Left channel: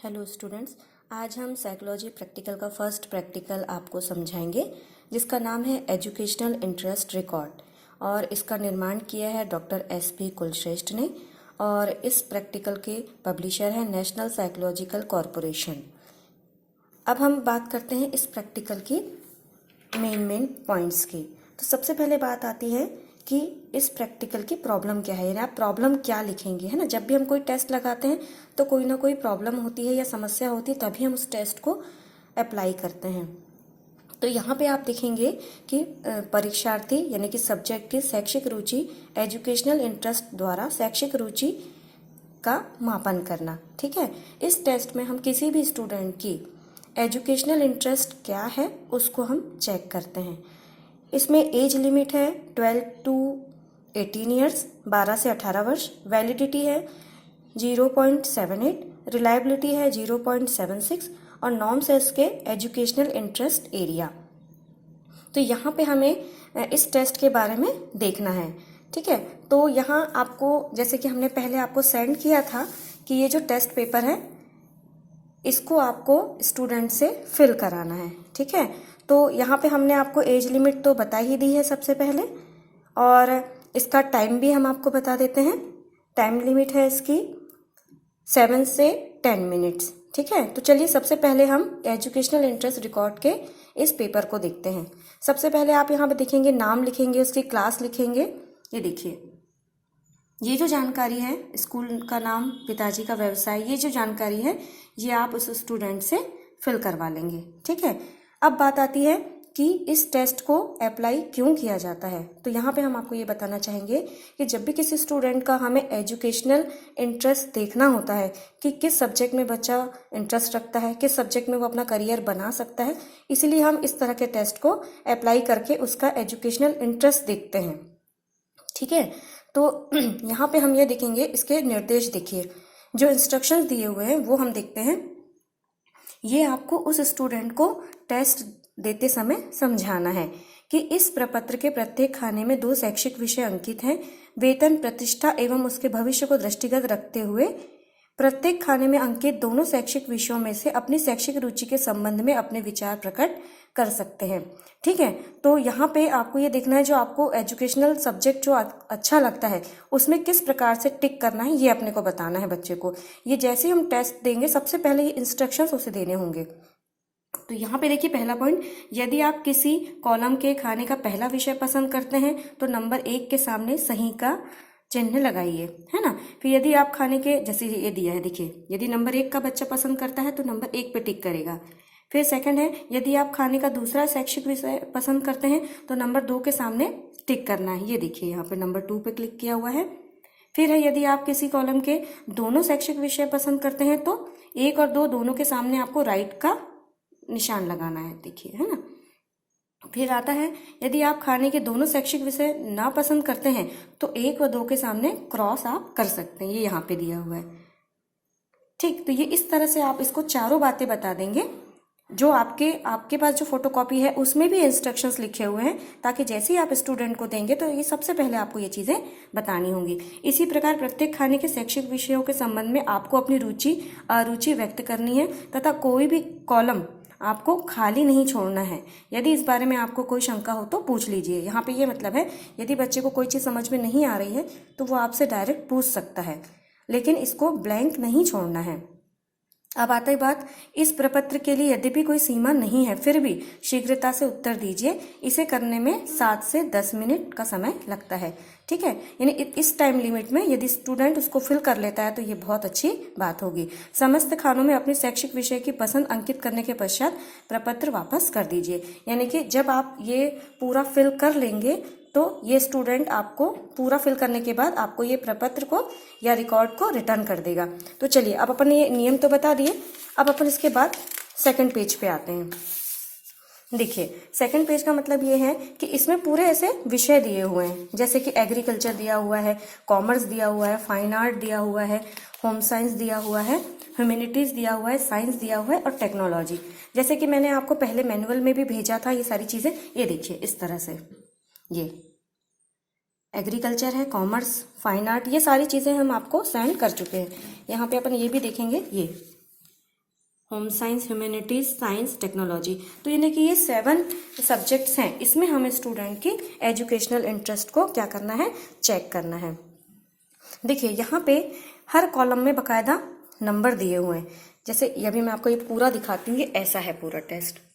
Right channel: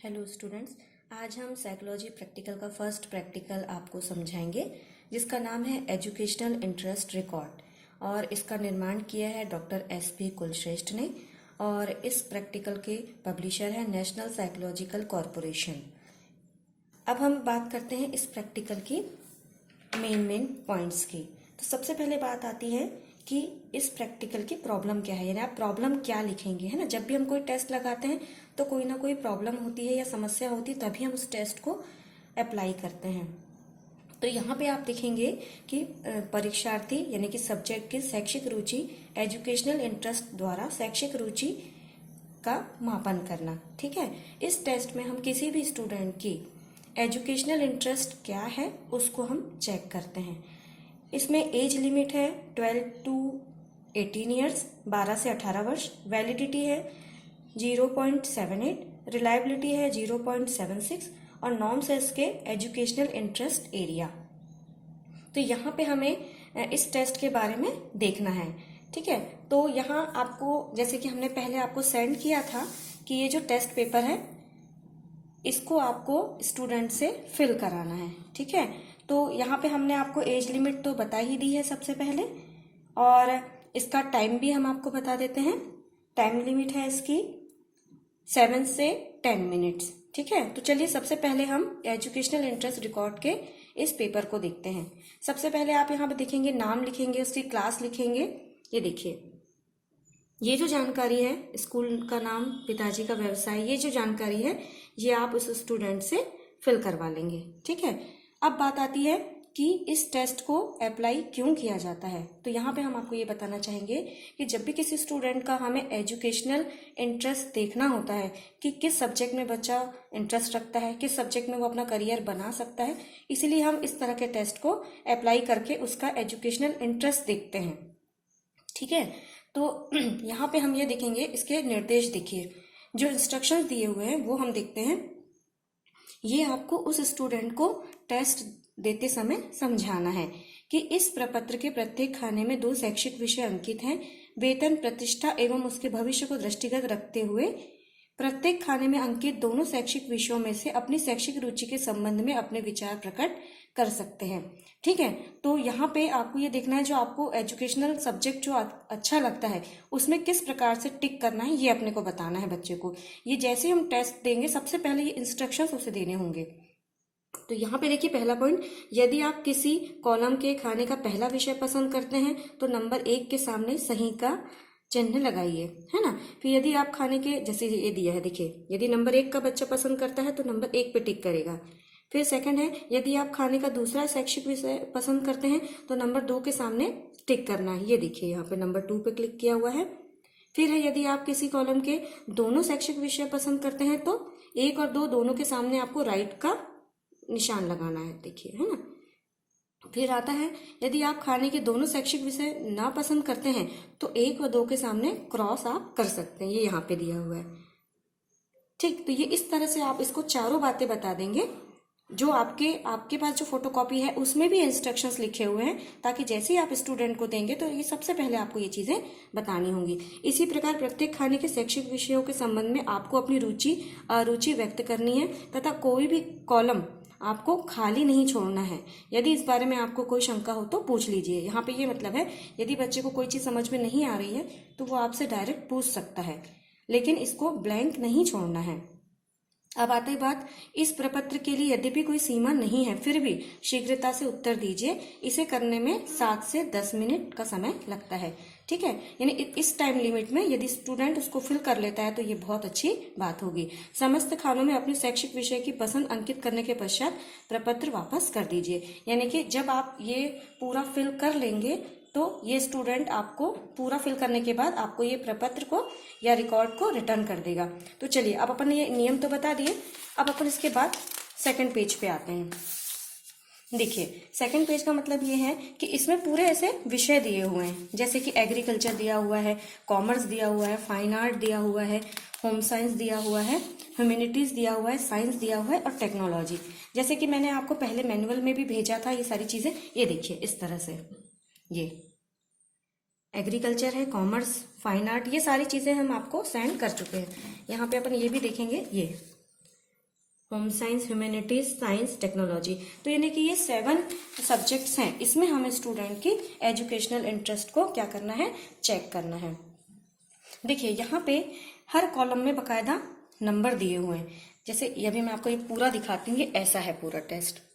Hello students, आज हम psychology practical का फर्स्ट प्रैक्टिकल आपको समझाएंगे जिसका नाम है एजुकेशनल इंटरेस्ट रिकॉर्ड और इसका निर्माण किया है डॉक्टर एस.पी. कुलश्रेष्ठ ने और इस प्रैक्टिकल के पब्लिशर है नेशनल साइकोलॉजिकल कॉरपोरेशन। अब हम बात करते हैं इस प्रैक्टिकल की मेन पॉइंट्स की। तो सबसे पहले बात आती है कि इस प्रैक्टिकल की प्रॉब्लम क्या है, यानी आप प्रॉब्लम क्या लिखेंगे, है ना। जब भी हम कोई टेस्ट लगाते हैं तो कोई ना कोई प्रॉब्लम होती है या समस्या होती है, तभी हम उस टेस्ट को अप्लाई करते हैं। तो यहाँ पे आप देखेंगे कि परीक्षार्थी यानी कि सब्जेक्ट की शैक्षिक रुचि एजुकेशनल इंटरेस्ट द्वारा शैक्षिक रुचि का मापन करना। ठीक है, इस टेस्ट में हम किसी भी स्टूडेंट की एजुकेशनल इंटरेस्ट क्या है उसको हम चेक करते हैं। इसमें एज लिमिट है 12 टू 18 ईयर्स, 12 से 18 वर्ष। वैलिडिटी है 0.78, रिलायबिलिटी है 0.76 और नॉर्म्स है इसके एजुकेशनल इंटरेस्ट एरिया। तो यहाँ पे हमें इस टेस्ट के बारे में देखना है। ठीक है, तो यहाँ आपको जैसे कि हमने पहले आपको सेंड किया था कि ये जो टेस्ट पेपर है इसको आपको स्टूडेंट से फिल कराना है। ठीक है, तो यहाँ पे हमने आपको एज लिमिट तो बता ही दी है सबसे पहले, और इसका टाइम भी हम आपको बता देते हैं। टाइम लिमिट है इसकी 7 से 10 मिनट्स। ठीक है, तो चलिए सबसे पहले हम एजुकेशनल इंटरेस्ट रिकॉर्ड के इस पेपर को देखते हैं। सबसे पहले आप यहाँ पे देखेंगे, नाम लिखेंगे, उसकी क्लास लिखेंगे। ये देखिए, ये जो जानकारी है, स्कूल का नाम, पिताजी का व्यवसाय, ये जो जानकारी है ये आप उस स्टूडेंट से फिल करवा लेंगे। ठीक है, अब बात आती है कि इस टेस्ट को अप्लाई क्यों किया जाता है। तो यहाँ पे हम आपको ये बताना चाहेंगे कि जब भी किसी स्टूडेंट का हमें एजुकेशनल इंटरेस्ट देखना होता है कि किस सब्जेक्ट में बच्चा इंटरेस्ट रखता है, किस सब्जेक्ट में वो अपना करियर बना सकता है, इसीलिए हम इस तरह के टेस्ट को अप्लाई करके उसका एजुकेशनल इंटरेस्ट देखते हैं। ठीक है, तो यहाँ पे हम ये देखेंगे, इसके निर्देश देखिए, जो इंस्ट्रक्शंस दिए हुए हैं वो हम देखते हैं। ये आपको उस स्टूडेंट को टेस्ट देते समय समझाना है कि इस प्रपत्र के प्रत्येक खाने में 2 शैक्षिक विषय अंकित हैं। वेतन, प्रतिष्ठा एवं उसके भविष्य को दृष्टिगत रखते हुए प्रत्येक खाने में अंकित दोनों शैक्षिक विषयों में से अपनी शैक्षिक रुचि के संबंध में अपने विचार प्रकट कर सकते हैं। ठीक है, तो यहाँ पे आपको ये देखना है जो आपको एजुकेशनल सब्जेक्ट जो अच्छा लगता है उसमें किस प्रकार से टिक करना है, ये अपने को बताना है बच्चे को। ये जैसे ही हम टेस्ट देंगे सबसे पहले ये इंस्ट्रक्शंस उसे देने होंगे। तो यहाँ पे देखिए पहला पॉइंट, यदि आप किसी कॉलम के खाने का पहला विषय पसंद करते हैं तो नंबर 1 के सामने सही का चिन्ह लगाइए, है ना। फिर यदि आप खाने के, जैसे ये दिया है देखिए, यदि नंबर 1 का बच्चा पसंद करता है तो नंबर 1 पे टिक करेगा। फिर सेकंड है, यदि आप खाने का दूसरा शैक्षिक विषय पसंद करते हैं तो नंबर 2 के सामने टिक करना है। ये देखिए यहाँ पे नंबर 2 पे क्लिक किया हुआ है। फिर है, यदि आप किसी कॉलम के दोनों शैक्षिक विषय पसंद करते हैं तो 1 और 2 दोनों के सामने आपको राइट का निशान लगाना है, देखिए, है ना। फिर आता है, यदि आप खाने के दोनों शैक्षिक विषय ना पसंद करते हैं तो 1 और 2 के सामने क्रॉस आप कर सकते हैं, ये यहाँ पे दिया हुआ है। ठीक, तो ये इस तरह से आप इसको चारों बातें बता देंगे। जो आपके पास जो फोटोकॉपी है उसमें भी इंस्ट्रक्शंस लिखे हुए हैं, ताकि जैसे ही आप स्टूडेंट को देंगे तो ये सबसे पहले आपको ये चीजें बतानी होंगी। इसी प्रकार प्रत्येक खाने के शैक्षिक विषयों के संबंध में आपको अपनी रुचि अरुचि व्यक्त करनी है तथा कोई भी कॉलम आपको खाली नहीं छोड़ना है। यदि इस बारे में आपको कोई शंका हो तो पूछ लीजिए। यहाँ पे ये मतलब है, यदि बच्चे को कोई चीज समझ में नहीं आ रही है तो वो आपसे डायरेक्ट पूछ सकता है, लेकिन इसको ब्लैंक नहीं छोड़ना है। अब आता है बात, इस प्रपत्र के लिए यद्यपि कोई सीमा नहीं है फिर भी शीघ्रता से उत्तर दीजिए। इसे करने में 7 से 10 मिनट का समय लगता है। ठीक है, यानी इस टाइम लिमिट में यदि स्टूडेंट उसको फिल कर लेता है तो ये बहुत अच्छी बात होगी। समस्त खानों में अपने शैक्षिक विषय की पसंद अंकित करने के पश्चात प्रपत्र वापस कर दीजिए। यानी कि जब आप ये पूरा फिल कर लेंगे तो ये स्टूडेंट आपको पूरा फिल करने के बाद आपको ये प्रपत्र को या रिकॉर्ड को रिटर्न कर देगा। तो चलिए, अब अपन ये नियम तो बता दिए, अब अपन इसके बाद सेकंड पेज पे आते हैं। देखिए, सेकंड पेज का मतलब ये है कि इसमें पूरे ऐसे विषय दिए हुए हैं, जैसे कि एग्रीकल्चर दिया हुआ है, कॉमर्स दिया हुआ है, फाइन आर्ट दिया हुआ है, होम साइंस दिया हुआ है, ह्यूमैनिटीज दिया हुआ है, साइंस दिया हुआ है और टेक्नोलॉजी। जैसे कि मैंने आपको पहले मैनुअल में भी भेजा था ये सारी चीजें। ये देखिए इस तरह से, ये एग्रीकल्चर है, कॉमर्स, फाइन आर्ट, ये सारी चीजें हम आपको सेंड कर चुके हैं। यहाँ पे अपन ये भी देखेंगे, ये home science, humanities, science, technology. तो यानी कि ये 7 सब्जेक्ट्स हैं। इसमें हमें स्टूडेंट की एजुकेशनल इंटरेस्ट को क्या करना है, चेक करना है। देखिए यहाँ पे हर कॉलम में बकायदा नंबर दिए हुए हैं। जैसे अभी मैं आपको ये पूरा दिखाती हूँ, ये ऐसा है पूरा टेस्ट।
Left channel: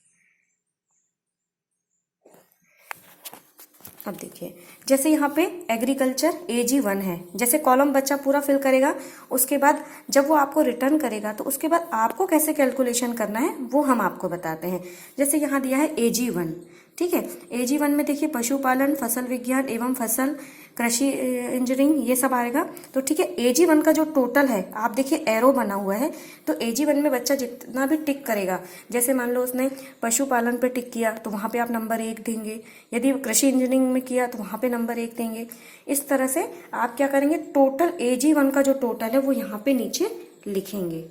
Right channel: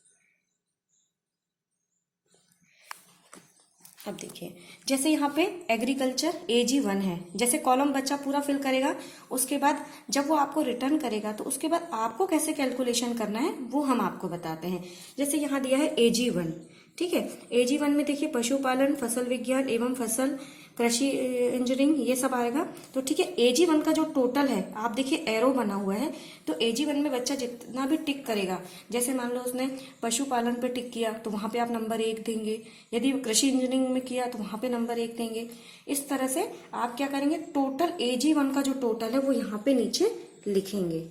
अब देखिए जैसे यहाँ पे एग्रीकल्चर AG1 है, जैसे कॉलम बच्चा पूरा फिल करेगा, उसके बाद जब वो आपको रिटर्न करेगा तो उसके बाद आपको कैसे कैलकुलेशन करना है वो हम आपको बताते हैं। जैसे यहाँ दिया है AG1, ठीक है। AG1 में देखिए पशुपालन, फसल विज्ञान एवं फसल कृषि इंजीनियरिंग ये सब आएगा। तो ठीक है, AG1 का जो टोटल है, आप देखिए एरो बना हुआ है, तो AG1 में बच्चा जितना भी टिक करेगा, जैसे मान लो उसने पशुपालन पे टिक किया तो वहां पे आप नंबर 1 देंगे, यदि कृषि इंजीनियरिंग में किया तो वहां पे नंबर 1 देंगे। इस तरह से आप क्या करेंगे, टोटल AG1 का जो टोटल है वो यहाँ पे नीचे लिखेंगे,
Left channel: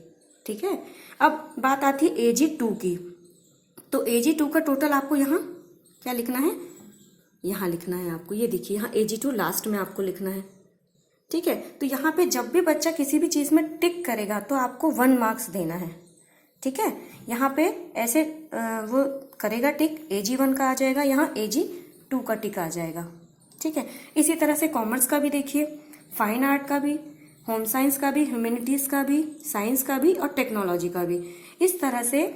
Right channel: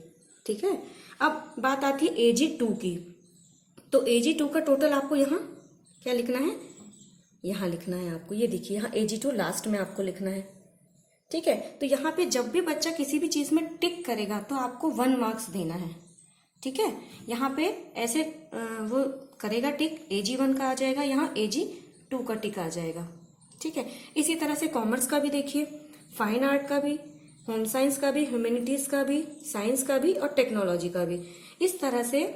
ठीक है। अब बात आती है AG2 की, तो AG2 का टोटल आपको यहाँ क्या लिखना है, यहाँ लिखना है आपको। ये देखिए यहाँ AG2 लास्ट में आपको लिखना है, ठीक है। तो यहाँ पे जब भी बच्चा किसी भी चीज में टिक करेगा तो आपको 1 मार्क्स देना है, ठीक है। यहाँ पे ऐसे वो करेगा टिक, AG1 का आ जाएगा, यहाँ AG2 का टिक आ जाएगा, ठीक है। इसी तरह से कॉमर्स का भी देखिए, फाइन आर्ट का भी, होम साइंस का भी, ह्यूमैनिटीज का भी, साइंस का भी और टेक्नोलॉजी का भी। इस तरह से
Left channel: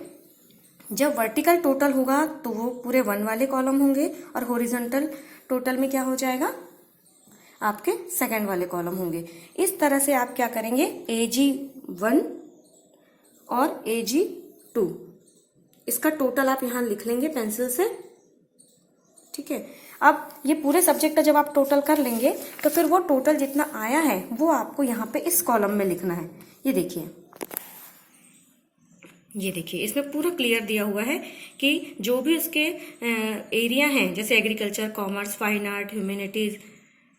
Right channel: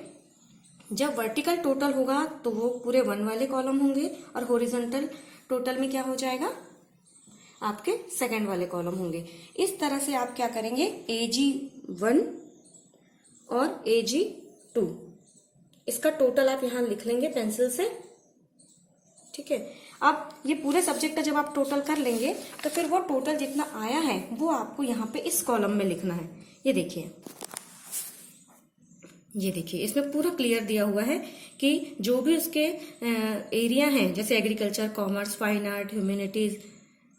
जब वर्टिकल टोटल होगा तो वो पूरे 1 वाले कॉलम होंगे, और हॉरिजॉन्टल टोटल में क्या हो जाएगा, आपके सेकंड वाले कॉलम होंगे। इस तरह से आप क्या करेंगे, AG1 और AG2 इसका टोटल आप यहां लिख लेंगे पेंसिल से, ठीक है। अब ये पूरे सब्जेक्ट का जब आप टोटल कर लेंगे तो फिर वो टोटल जितना आया है वो आपको यहाँ पे इस कॉलम में लिखना है। ये देखिए इसमें पूरा क्लियर दिया हुआ है कि जो भी उसके एरिया हैं, जैसे agriculture, commerce, fine art, humanities,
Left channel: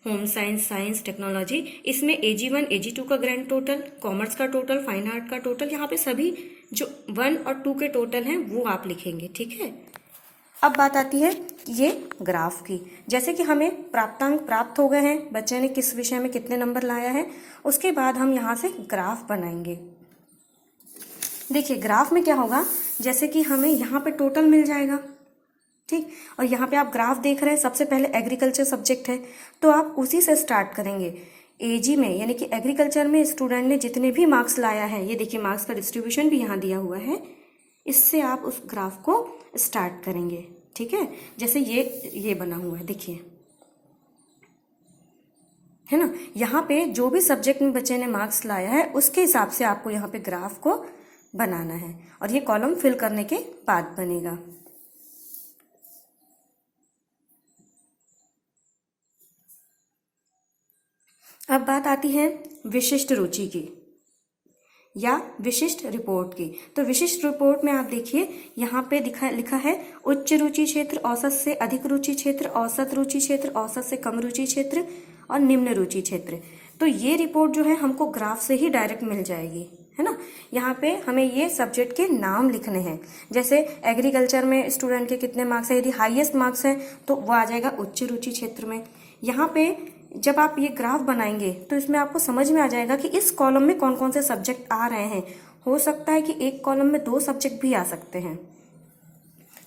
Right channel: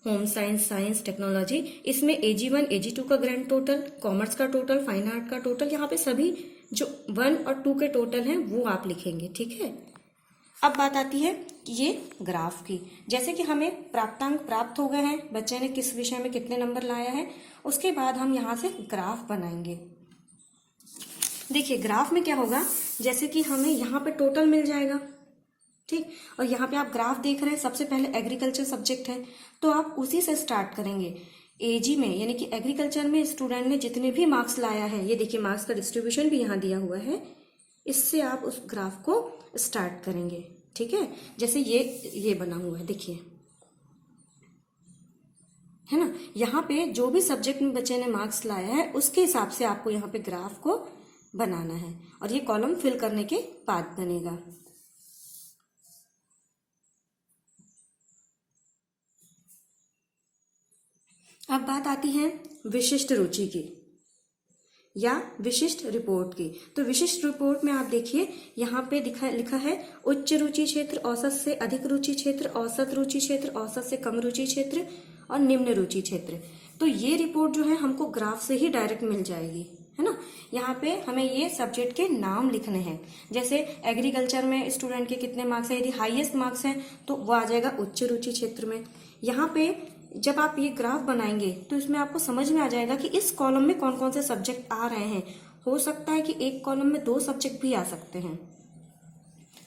home science, science, technology, इसमें AG1 AG2 का ग्रैंड टोटल, कॉमर्स का टोटल, फाइन आर्ट का टोटल, यहाँ पे सभी जो 1 और 2 के टोटल हैं वो आप लिखेंगे, ठीक है। अब बात आती है ये ग्राफ की। जैसे कि हमें प्राप्तांक प्राप्त हो गए हैं, बच्चे ने किस विषय में कितने नंबर लाया है, उसके बाद हम यहाँ से ग्राफ बनाएंगे। देखिए ग्राफ में क्या होगा, जैसे कि हमें यहाँ पे टोटल मिल जाएगा, ठीक, और यहाँ पे आप ग्राफ देख रहे हैं, सबसे पहले एग्रीकल्चर सब्जेक्ट है तो आप उसी से स्टार्ट करेंगे। AG में यानी कि एग्रीकल्चर में स्टूडेंट ने जितने भी मार्क्स लाया है, ये देखिए मार्क्स का डिस्ट्रीब्यूशन भी यहाँ दिया हुआ है, इससे आप उस ग्राफ को स्टार्ट करेंगे, ठीक है। जैसे ये बना हुआ है, देखिए, है ना। यहाँ पे जो भी सब्जेक्ट में बच्चे ने मार्क्स लाया है उसके हिसाब से आपको यहाँ पे ग्राफ को बनाना है, और ये कॉलम फिल करने के बाद बनेगा। अब बात आती है विशिष्ट रुचि की या विशिष्ट रिपोर्ट की। तो विशिष्ट रिपोर्ट में आप देखिए यहाँ पे लिखा है उच्च रुचि क्षेत्र, औसत से अधिक रुचि क्षेत्र, औसत रुचि क्षेत्र, औसत से कम रुचि क्षेत्र और निम्न रुचि क्षेत्र। तो ये रिपोर्ट जो है हमको ग्राफ से ही डायरेक्ट मिल जाएगी, है ना। यहाँ पे हमें ये सब्जेक्ट के नाम लिखने हैं। जैसे एग्रीकल्चर में स्टूडेंट के कितने मार्क्स है, यदि हाईएस्ट मार्क्स है तो वो आ जाएगा उच्च रुचि क्षेत्र में। यहाँ पे जब आप ये ग्राफ बनाएंगे तो इसमें आपको समझ में आ जाएगा कि इस कॉलम में कौन कौन से सब्जेक्ट आ रहे हैं। हो सकता है कि एक कॉलम में 2 सब्जेक्ट भी आ सकते हैं,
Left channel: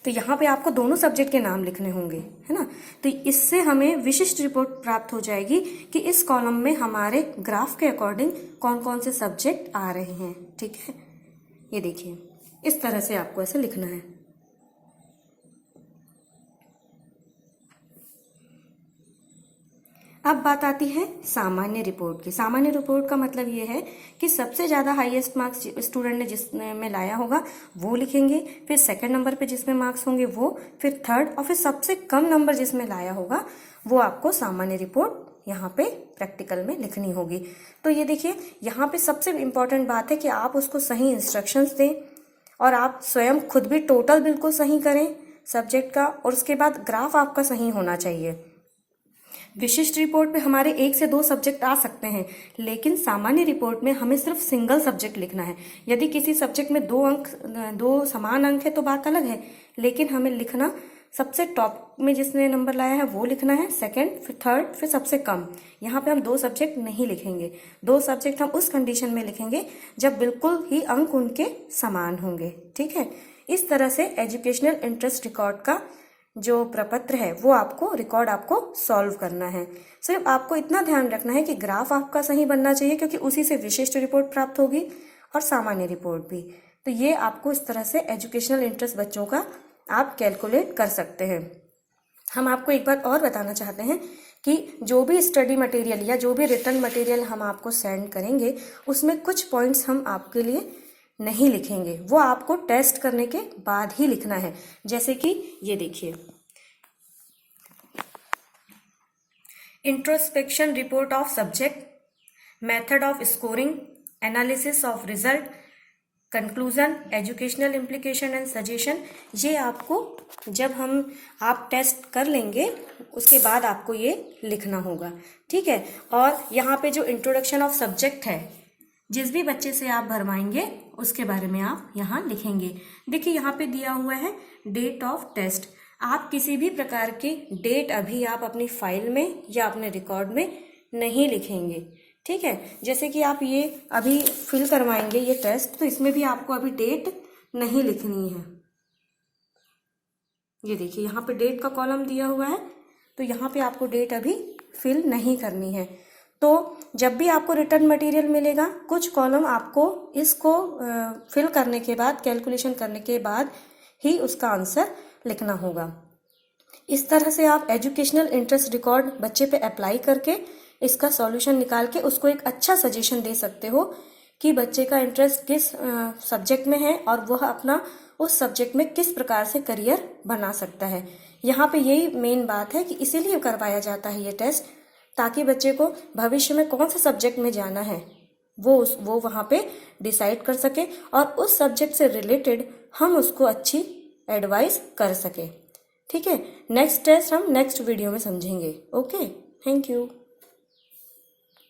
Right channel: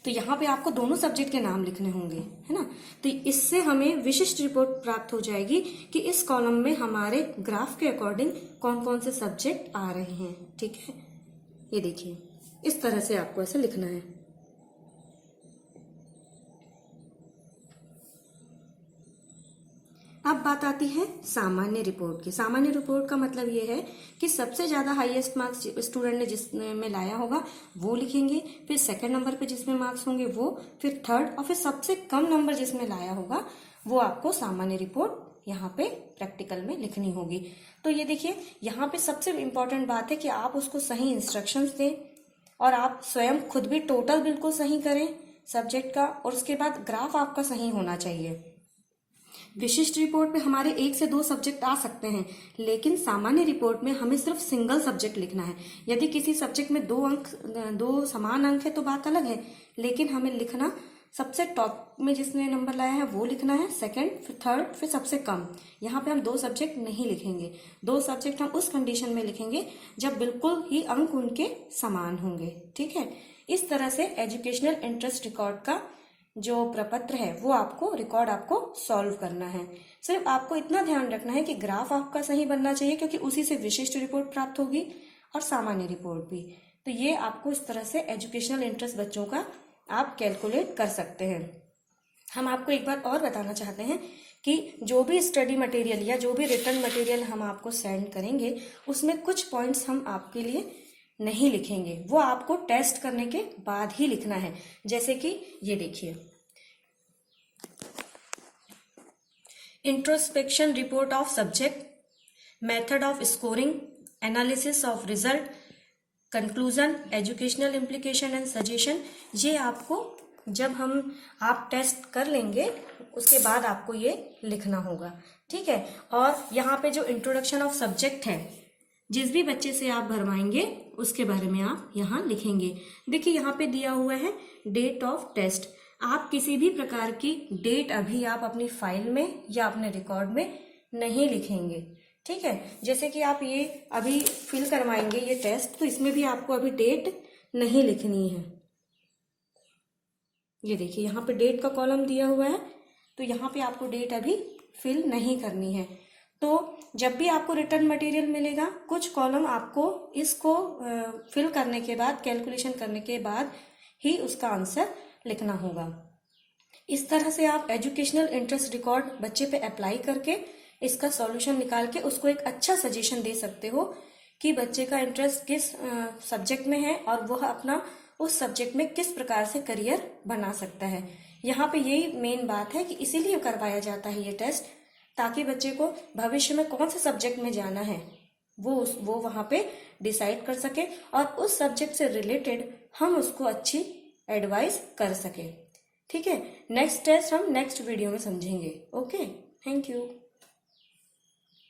तो यहाँ पे आपको दोनों सब्जेक्ट के नाम लिखने होंगे, है ना। तो इससे हमें विशिष्ट रिपोर्ट प्राप्त हो जाएगी कि इस कॉलम में हमारे ग्राफ के अकॉर्डिंग कौन कौन से सब्जेक्ट आ रहे हैं, ठीक है। ये देखिए इस तरह से आपको ऐसे लिखना है। अब बात आती है सामान्य रिपोर्ट की। सामान्य रिपोर्ट का मतलब ये है कि सबसे ज्यादा हाईएस्ट मार्क्स स्टूडेंट ने जिसमें लाया होगा वो लिखेंगे, फिर सेकंड नंबर पे जिसमें मार्क्स होंगे वो, फिर थर्ड, और फिर सबसे कम नंबर जिसमें लाया होगा वो आपको सामान्य रिपोर्ट यहाँ पे प्रैक्टिकल में लिखनी होगी। तो ये देखिए यहाँ पे सबसे इम्पोर्टेंट बात है कि आप उसको सही इंस्ट्रक्शंस दें और आप स्वयं खुद भी टोटल बिल्कुल सही करें सब्जेक्ट का, और उसके बाद ग्राफ आपका सही होना चाहिए। विशिष्ट रिपोर्ट में हमारे 1 से 2 सब्जेक्ट आ सकते हैं, लेकिन सामान्य रिपोर्ट में हमें सिर्फ सिंगल सब्जेक्ट लिखना है। यदि किसी सब्जेक्ट में 2 समान अंक है तो बात अलग है, लेकिन हमें लिखना सबसे टॉप में जिसने नंबर लाया है वो लिखना है, सेकंड, फिर थर्ड, फिर सबसे कम। यहाँ पे हम 2 सब्जेक्ट नहीं लिखेंगे। 2 सब्जेक्ट हम उस कंडीशन में लिखेंगे जब बिल्कुल ही अंक उनके समान होंगे। ठीक है, इस तरह से एजुकेशनल इंटरेस्ट रिकॉर्ड का जो प्रपत्र है वो रिकॉर्ड आपको सॉल्व करना है। सिर्फ आपको इतना ध्यान रखना है कि ग्राफ आपका सही बनना चाहिए, क्योंकि उसी से विशिष्ट रिपोर्ट प्राप्त होगी और सामान्य रिपोर्ट भी। तो ये आपको इस तरह से एजुकेशनल इंटरेस्ट बच्चों का आप कैलकुलेट कर सकते हैं। हम आपको एक बात और बताना चाहते हैं कि जो भी स्टडी मटेरियल या जो भी रिटर्न मटेरियल हम आपको सेंड करेंगे उसमें कुछ पॉइंट्स हम आपके लिए नहीं लिखेंगे, वो आपको टेस्ट करने के बाद ही लिखना है। जैसे कि ये देखिए, introspection report of subject, method of scoring, analysis of result, conclusion, educational implication and suggestion. ये आपको जब आप टेस्ट कर लेंगे उसके बाद आपको ये लिखना होगा। ठीक है, और यहाँ पे जो इंट्रोडक्शन ऑफ सब्जेक्ट है, जिस भी बच्चे से आप भरवाएंगे उसके बारे में आप यहाँ लिखेंगे। देखिए यहाँ पे दिया हुआ है डेट ऑफ टेस्ट। आप किसी भी प्रकार की डेट अभी आप अपनी फाइल में या अपने रिकॉर्ड में नहीं लिखेंगे। ठीक है, जैसे कि आप ये अभी फिल करवाएंगे ये टेस्ट, तो इसमें भी आपको अभी डेट नहीं लिखनी है। ये देखिए यहाँ पे डेट का कॉलम दिया हुआ है, तो यहाँ पे आपको डेट अभी फिल नहीं करनी है। तो जब भी आपको रिटर्न मटेरियल मिलेगा, कुछ कॉलम आपको इसको फिल करने के बाद, कैलकुलेशन करने के बाद ही उसका आंसर लिखना होगा। इस तरह से आप एजुकेशनल इंटरेस्ट रिकॉर्ड बच्चे पे अप्लाई करके इसका सॉल्यूशन निकाल के उसको एक अच्छा सजेशन दे सकते हो कि बच्चे का इंटरेस्ट किस सब्जेक्ट में है और वह अपना उस सब्जेक्ट में किस प्रकार से करियर बना सकता है। यहाँ पे यही मेन बात है कि इसीलिए करवाया जाता है ये टेस्ट, ताकि बच्चे को भविष्य में कौन से सब्जेक्ट में जाना है वो वहाँ पे डिसाइड कर सके और उस सब्जेक्ट से रिलेटेड हम उसको अच्छी एडवाइस कर सके। ठीक है, नेक्स्ट टेस्ट हम नेक्स्ट वीडियो में समझेंगे। Okay, thank you.